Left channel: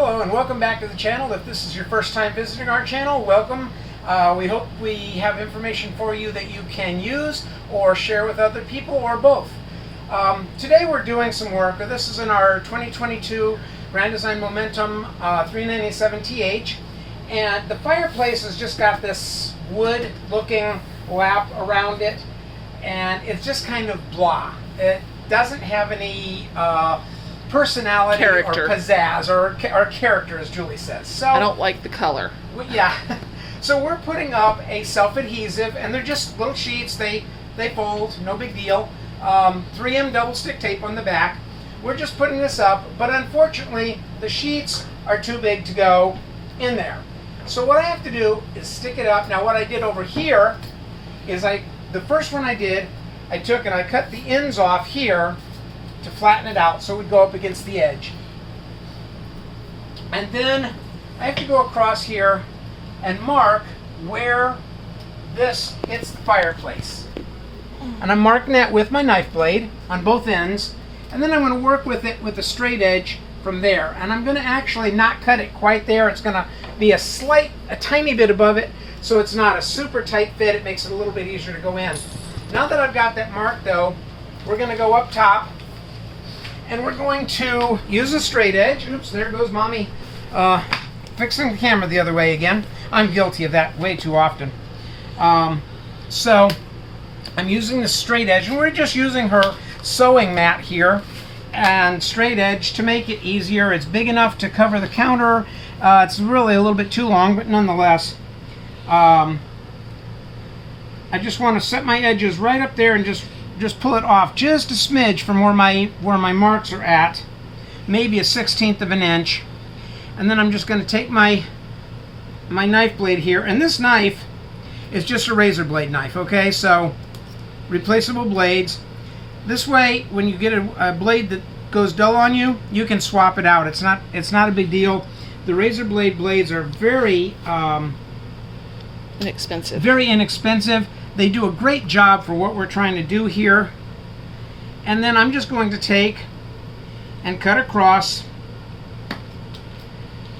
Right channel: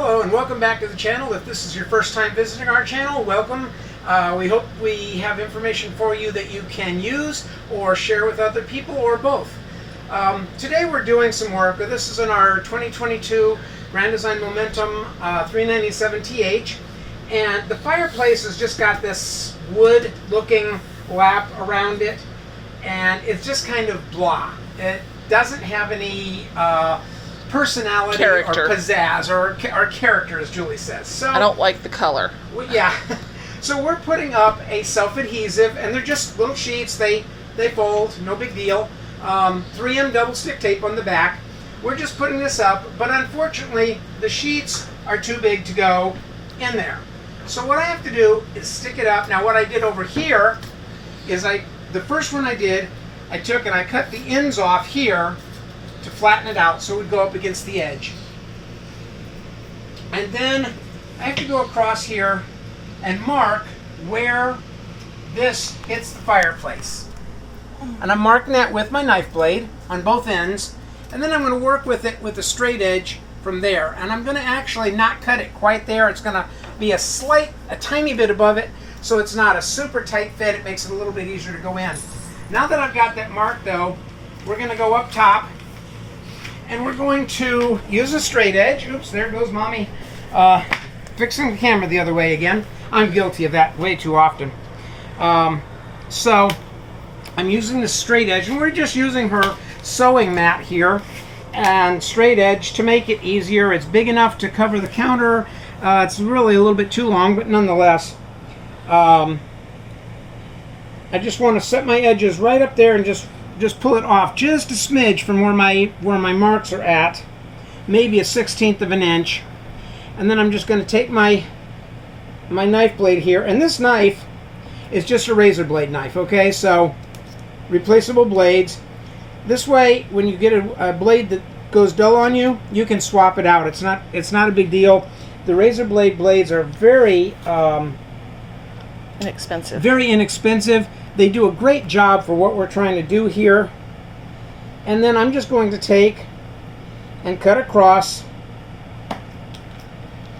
Hello and welcome back to the channel. If this is your first time visiting our channel, welcome. We hope we have information for you that you can use or share with other people or both. Today we're doing some work. This is in our 2022 Grand Design Momentum 397TH, and the fireplace has just got this wood looking lap around it, and it's just kind of blah. It doesn't have any personality character. Or pizzazz or character, as Julie says. So I don't like the color. yeah. So we're putting up a self-adhesive, and they're just little sheets. They fold, no big deal. 3M double stick tape on the back. We're just putting this up, but unfortunately the sheets are too big to go in there. So what I have to do is stick it up. Now what I did over here is the first one I did, I took and I cut the ends off here to flatten it out so it would go up against the edge. And then I have to go across here and mark where this hits the fireplace. And I'm marking that with my knife blade on both ends, and then I'm going to work with it with a straight edge from there. And I'm going to actually not cut it quite there. It's going to be a tiny bit above it, so it's not a super tight fit. It makes it a little bit easier to go in. Now that I've got that marked though, we're going to go up top and we're going to use a straight edge. Oops, there goes mommy fixing the camera the other way again. I'm guilty of that way too often. So I'm using the straight edge, and we're just using her sewing mat here and straight edge to make it easier. It's big enough to cover the counter. It's really a little bit too long, but nonetheless, I just want to set my edges right up there and just pull it off just a smidge from where my marks are at, maybe a 1/16 of an inch. And then I'm just going to take my knife blade here, and this knife is just a razor blade knife, okay? So replaceable blades. This way, when you get a blade that goes dull on you, you can swap it out. It's not a big deal. The razor blade blades are very inexpensive. Very inexpensive. They do a great job for what we're trying to do here. And then I'm just going to take and cut across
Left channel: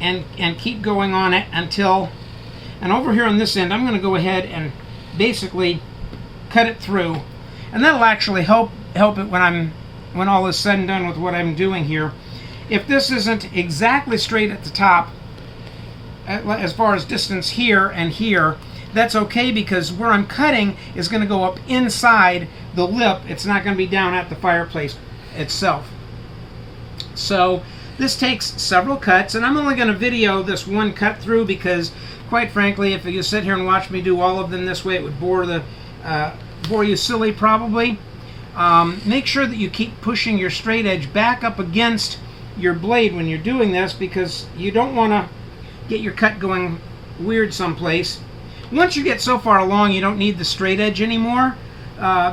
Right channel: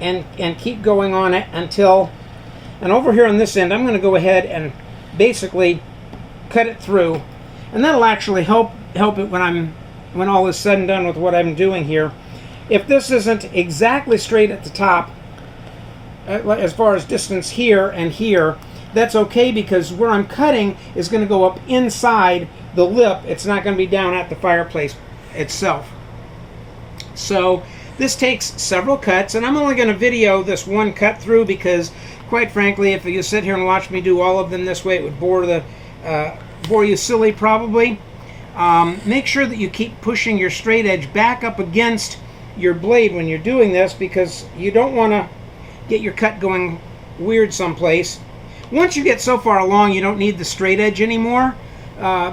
and keep going on it until, and over here on this end, I'm going to go ahead and basically cut it through. And that'll actually help it when all is said and done with what I'm doing here. If this isn't exactly straight at the top, as far as distance here and here, that's okay, because where I'm cutting is going to go up inside the lip. It's not going to be down at the fireplace itself. So this takes several cuts, and I'm only going to video this one cut through because, quite frankly, if you sit here and watch me do all of them this way, it would bore you silly probably. Make sure that you keep pushing your straight edge back up against your blade when you're doing this, because you don't want to get your cut going weird someplace. Once you get so far along, you don't need the straight edge anymore,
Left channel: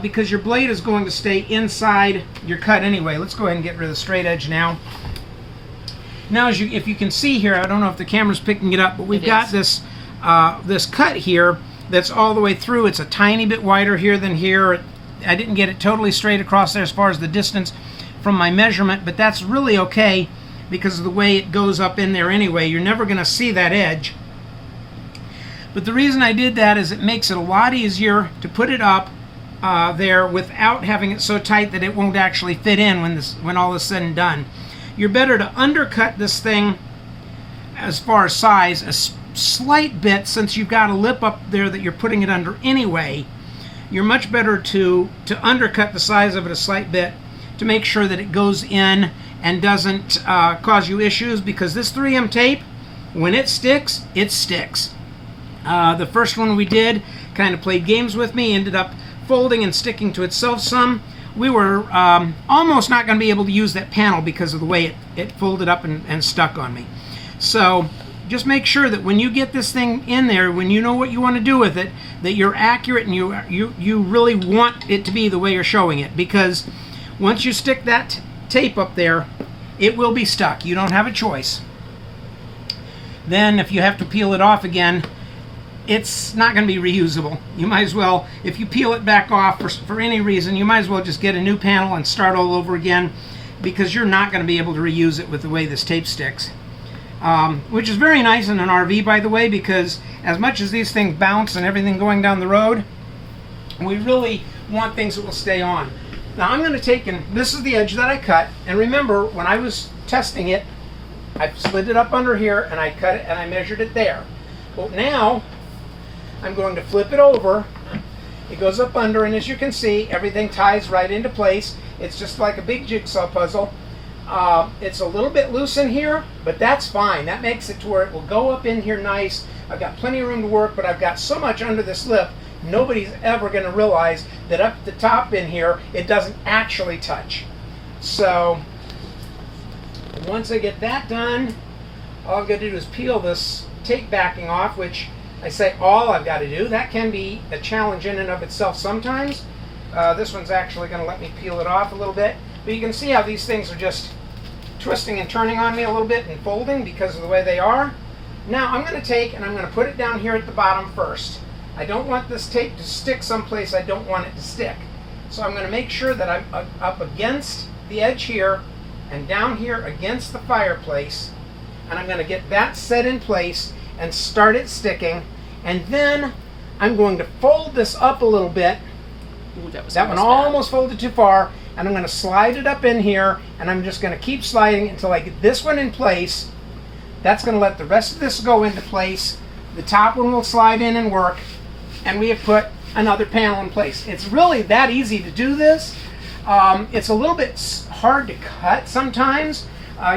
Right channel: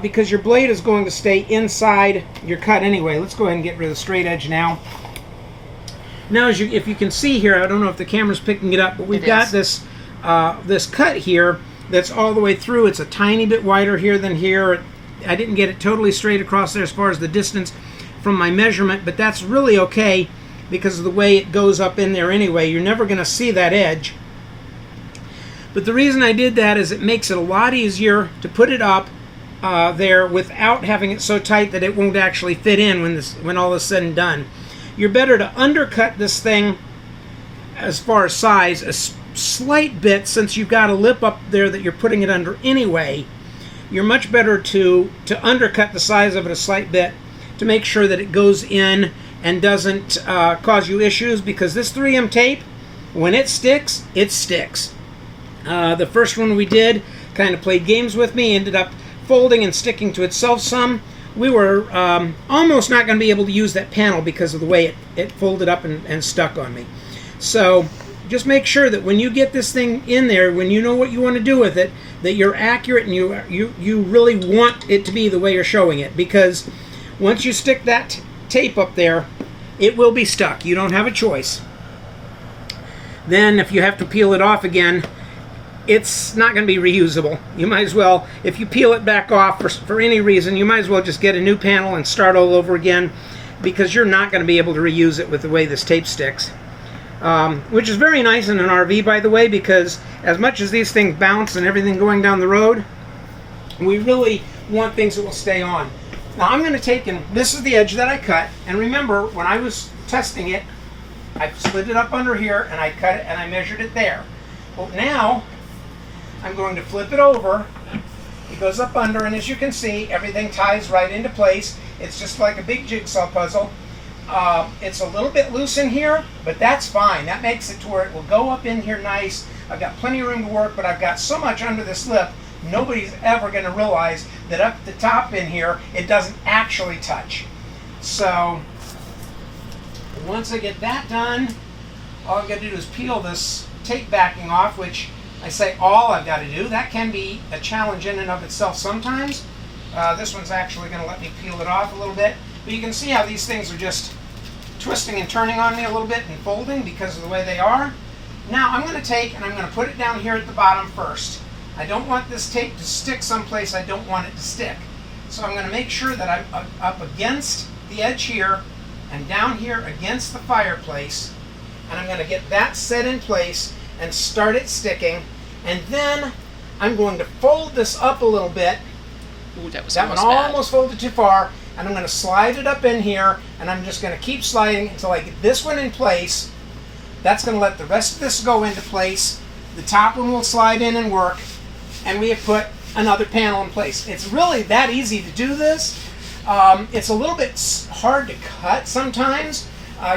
because your blade is going to stay inside your cut anyway. Let's go ahead and get rid of the straight edge now. Now, if you can see here, I don't know if the camera's picking it up, but we've got this cut here that's all the way through. It's a tiny bit wider here than here. I didn't get it totally straight across there as far as the distance from my measurement, but that's really okay because of the way it goes up in there anyway. You're never going to see that edge. But the reason I did that is it makes it a lot easier to put it up there without having it so tight that it won't actually fit in when all is said and done. You're better to undercut this thing as far as size a slight bit, since you've got a lip up there that you're putting it under anyway. You're much better to undercut the size of it a slight bit to make sure that it goes in and doesn't cause you issues, because this 3M tape, when it sticks, it sticks. The first one we did kind of played games with me, ended up folding and sticking to itself some. We were almost not going to be able to use that panel because of the way it folded up and stuck on me. So just make sure that when you get this thing in there, when you know what you want to do with it, that you're accurate and you really want it to be the way you're showing it, because once you stick that tape up there, it will be stuck. You don't have a choice. Then if you have to peel it off again, it's not going to be reusable. You might as well, if you peel it back off for any reason, you might as well just get a new panel and start all over again, because you're not going to be able to reuse it with the way this tape sticks. which is very nice in an RV, by the way, because as much as these things bounce and everything going down the road, we really want things that will stay on. Now I'm going to take, and this is the edge that I cut, and remember when I was testing it, I slid it up under here and I cut it and I measured it there. Well, now I'm going to flip it over. It goes up under, and as you can see, everything ties right into place. It's just like a big jigsaw puzzle. It's a little bit loose in here, but that's fine. That makes it to where it will go up in here nice. I've got plenty of room to work, but I've got so much under this lip, nobody's ever going to realize that up the top in here, it doesn't actually touch. So once I get that done, all I've got to do is peel this tape backing off, which I say all I've got to do. That can be a challenge in and of itself sometimes. This one's actually going to let me peel it off a little bit. But you can see how these things are just twisting and turning on me a little bit and folding because of the way they are. Now I'm going to take and I'm going to put it down here at the bottom first. I don't want this tape to stick someplace I don't want it to stick. So I'm going to make sure that I'm up against the edge here and down here against the fireplace. And I'm going to get that set in place and start it sticking. And then I'm going to fold this up a little bit. Ooh, that one almost folded too far. And I'm going to slide it up in here, and I'm just going to keep sliding until I get this one in place. That's going to let the rest of this go into place. The top one will slide in and work, and we have put another panel in place. It's really that easy to do this. It's a little bit hard to cut sometimes.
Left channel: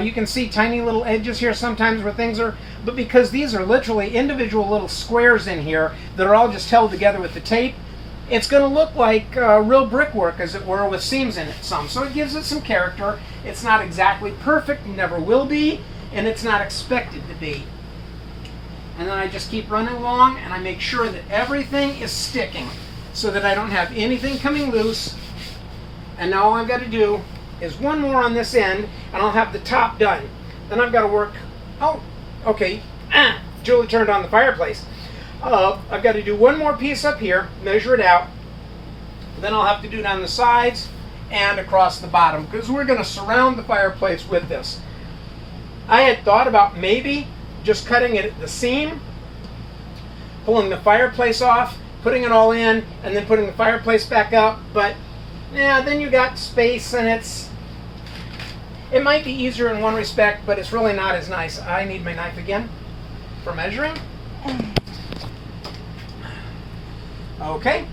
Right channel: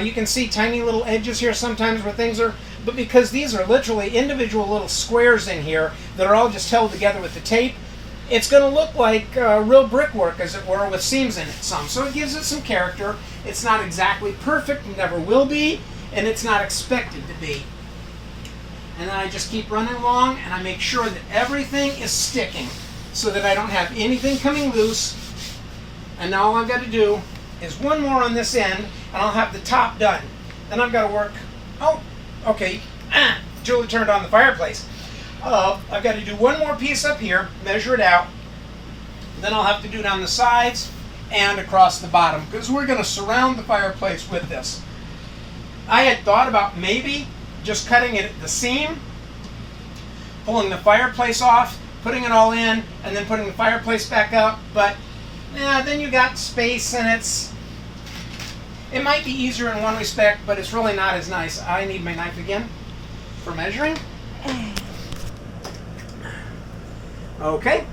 You can see tiny little edges here sometimes where things are, but because these are literally individual little squares in here that are all just held together with the tape, it's going to look like real brickwork, as it were, with seams in it some. So it gives it some character. It's not exactly perfect, never will be, and it's not expected to be. And then I just keep running along, and I make sure that everything is sticking so that I don't have anything coming loose. And now all I've got to do is one more on this end, and I'll have the top done. Then I've got to work. Oh, okay. Julie turned on the fireplace. I've got to do one more piece up here, measure it out. Then I'll have to do down the sides and across the bottom, because we're going to surround the fireplace with this. I had thought about maybe just cutting it at the seam, pulling the fireplace off, putting it all in, and then putting the fireplace back up. But yeah, then you got space, and it might be easier in one respect, but it's really not as nice. I need my knife again for measuring. Okay,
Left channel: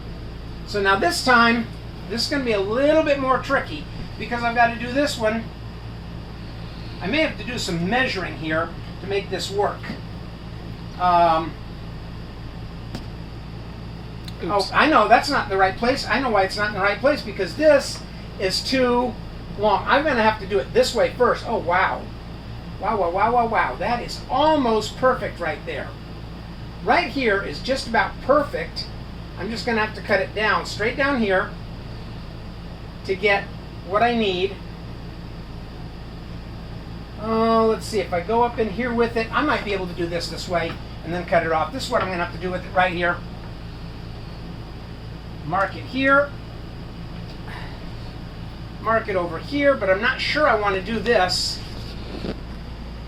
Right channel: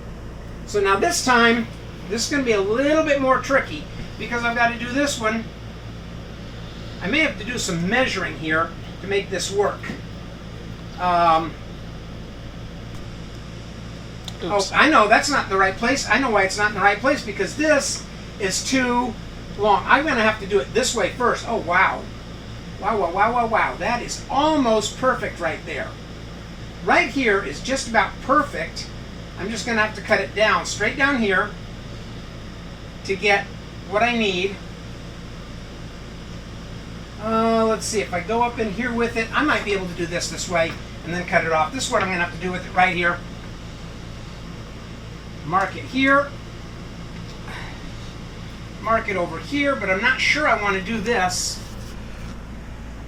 so now this time, this is going to be a little bit more tricky because I've got to do this one. I may have to do some measuring here to make this work. Oh, I know that's not in the right place. I know why it's not in the right place, because this is too long. I'm going to have to do it this way first. Oh, wow. Wow, wow, wow, wow, wow. That is almost perfect right there. Right here is just about perfect. I'm just going to have to cut it down, straight down here, to get what I need. Let's see, if I go up in here with it, I might be able to do this way and then cut it off. This is what I'm going to have to do with it right here. Mark it here. Mark it over here, but I'm not sure I want to do this.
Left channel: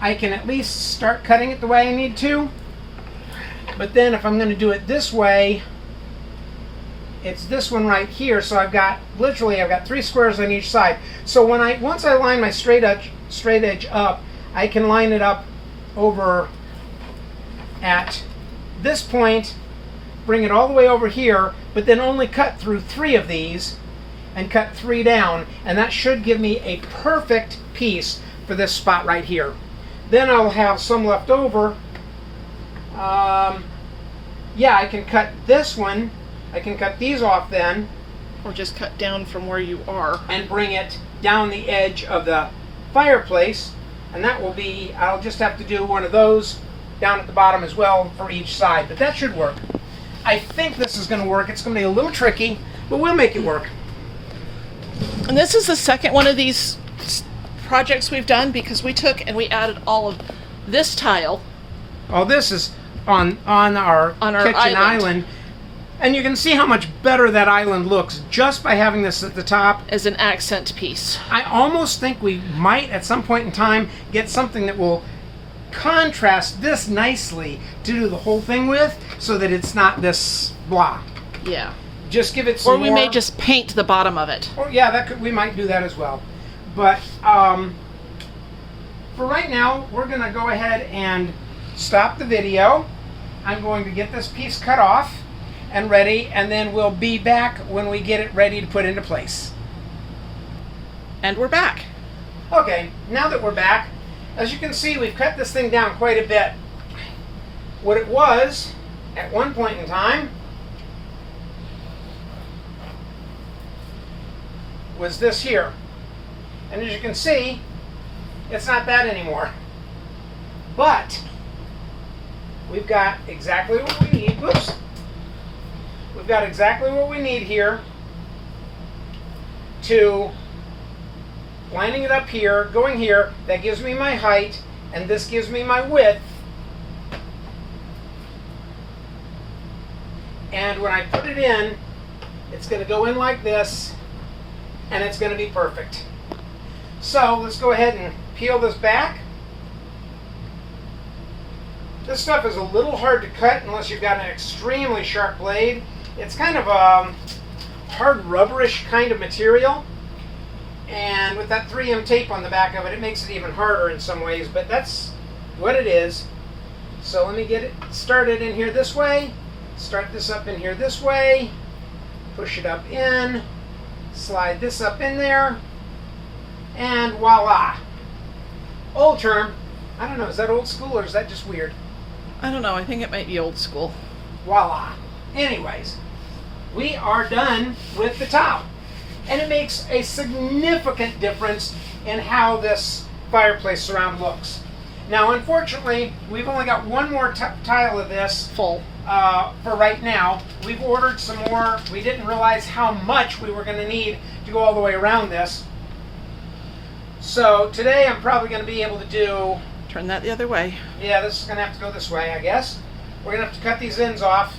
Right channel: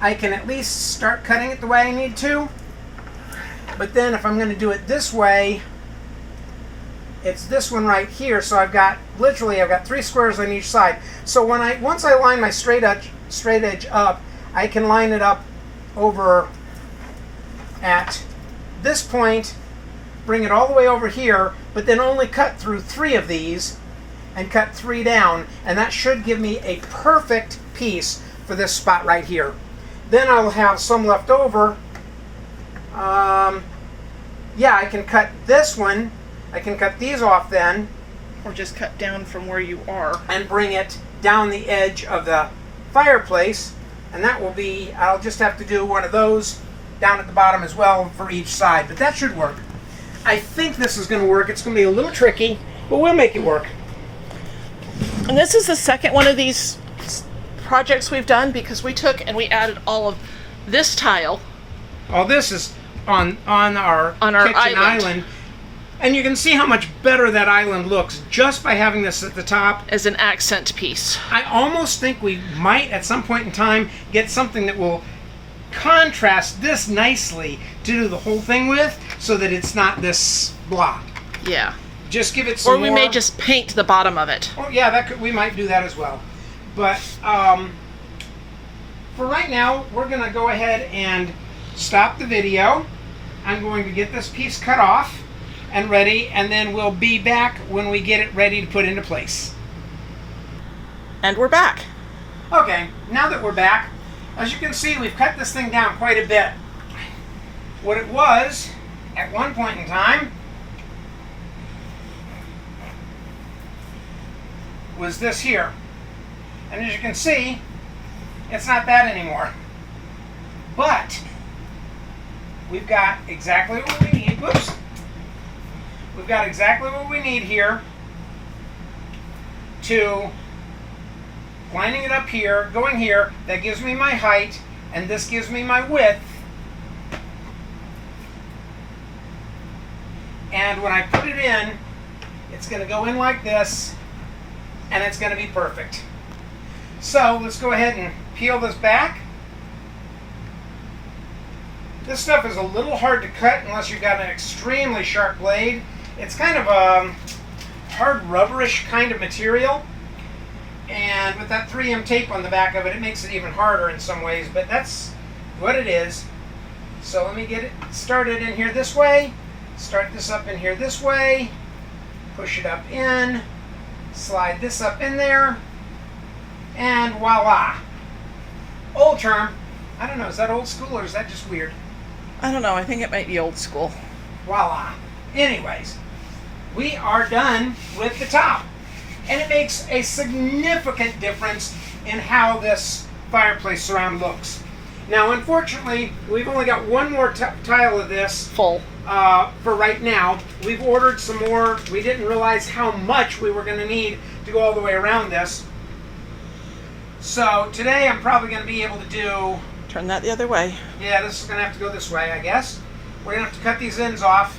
I can at least start cutting it the way I need to. But then if I'm going to do it this way, it's this one right here. So I've got three squares on each side. So once I line my straight edge up, I can line it up over at this point, bring it all the way over here, but then only cut through 3 of these and cut 3 down, and that should give me a perfect piece for this spot right here. Then I'll have some left over. Yeah, I can cut this one. I can cut these off then. Or just cut down from where you are. And bring it down the edge of the fireplace. And that will be, I'll just have to do one of those down at the bottom as well for each side. But that should work. I think this is going to work. It's going to be a little tricky, but we'll make it work. And this is the second one of these projects we've done, because we took and we added all of this tile. Oh, this is on our kitchen island. And you can see how much better that island looks just by having this at the top. As an accent piece. I almost think we might, at some point in time, get something that will contrast this nicely to do the whole thing with, so that it's not this blah. Yeah. Just give it some Or we more. may just paint the bottom of it. Oh yeah, we might do that as well. But for right now, we're going to go ahead and stop the video. I'm going to get this piece cut off and ready, and then we'll be back when we get it ready to put into place. And we're back. Okay, now that we're back, as you can see, we've cut this thing down quite a bit. What it was, at one point in time, was this here. And as you can see, it's not that anymore. But we've got exactly what we need. Whoops. We've got exactly what we need here to lining it up here, going here. That gives me my height, and this gives me my width. And when I put it in, it's going to go in like this, and it's going to be perfect. So let's go ahead and peel this back. This stuff is a little hard to cut unless you've got an extremely sharp blade. It's kind of a hard rubberish kind of material. And with that 3M tape on the back of it, it makes it even harder in some ways, but that's what it is. So let me get it started in here this way. Start this up in here this way. Push it up in. Slide this up in there. And voila. Old term. I don't know, is that old school or is that just weird? I don't know. I think it might be old school. Voila. Anyways, we are done with the top. And it makes a significant difference in how this fireplace surround looks. Now, unfortunately, we've only got one more tile of this Full. for right now. We've ordered some more. We didn't realize how much we were going to need to go all the way around this. So today I'm probably going to be able to do... Turn that the other way. Yeah, this is going to have to go this way, I guess. We're going to have to cut these ends off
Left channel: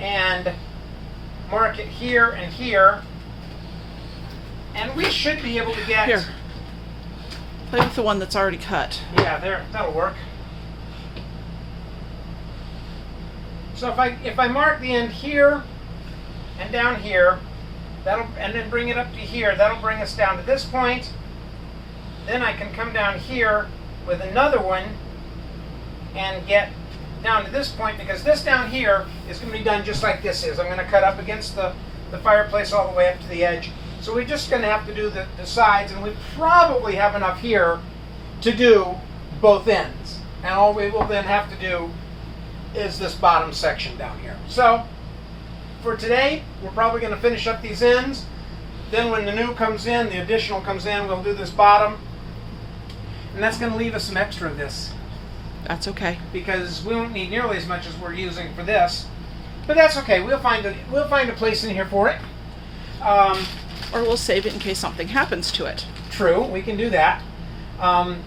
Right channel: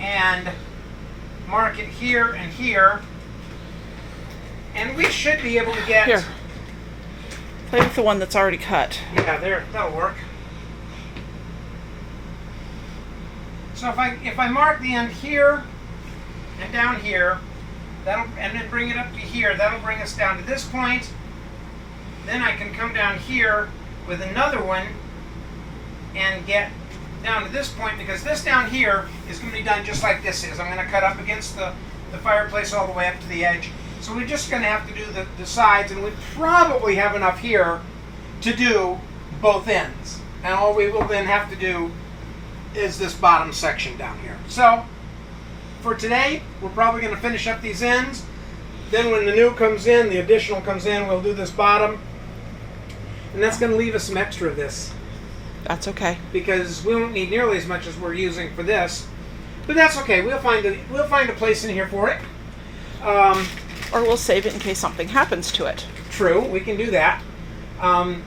and mark it here and here. And we should be able to get... Here. Play with the one that's already cut. Yeah, there, that'll work. So if I mark the end here and down here, and then bring it up to here, that'll bring us down to this point. Then I can come down here with another one and get down to this point, because this down here is going to be done just like this is. I'm going to cut up against the fireplace all the way up to the edge. So we're just going to have to do the sides, and we probably have enough here to do both ends. And all we will then have to do is this bottom section down here. So for today, we're probably going to finish up these ends. Then when the new comes in, the additional comes in, we'll do this bottom. And that's going to leave us some extra of this, That's okay. because we won't need nearly as much as we're using for this. But that's okay. We'll find a place in here for it. Or we'll save it in case something happens to it. True, we can do that.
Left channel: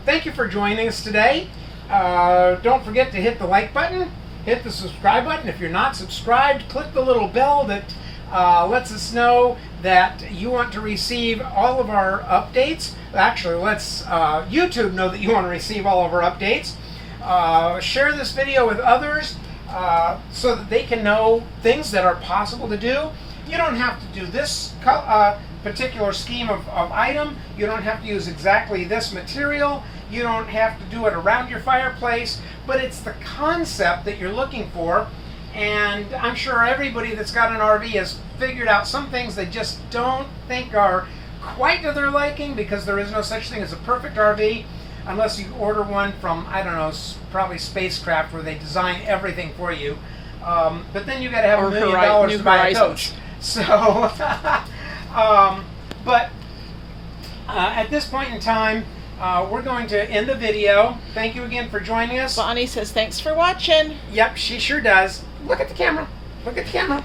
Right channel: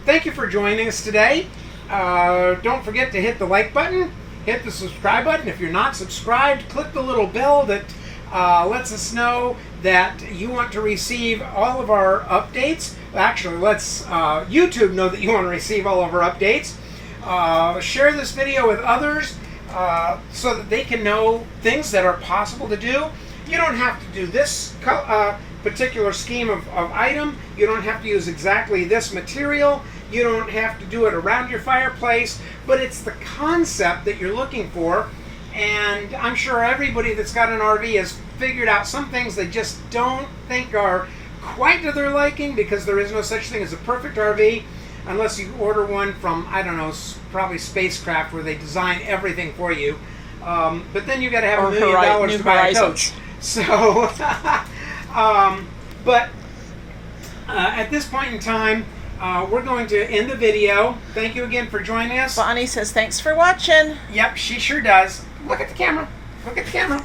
Thank you for joining us today. Don't forget to hit the like button, hit the subscribe button. If you're not subscribed, click the little bell that lets us know that you want to receive all of our updates. Actually, lets YouTube know that you want to receive all of our updates. Share this video with others so that they can know things that are possible to do. You don't have to do this particular scheme of item. You don't have to use exactly this material. You don't have to do it around your fireplace, but it's the concept that you're looking for. And I'm sure everybody that's got an RV has figured out some things they just don't think are quite to their liking, because there is no such thing as a perfect RV unless you order one from, I don't know, probably Spacecraft, where they design everything for you. But then you got to have $1 million to buy a coach. So, at this point in time, we're going to end the video. Thank you again for joining us. Bonnie says thanks for watching. Yep, she sure does. Look at the camera. Look at the camera.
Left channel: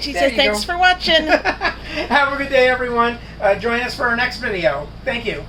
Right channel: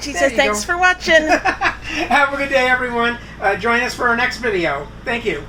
She There says you thanks go. for watching. Have a good day, everyone. Join us for our next video. Thank you.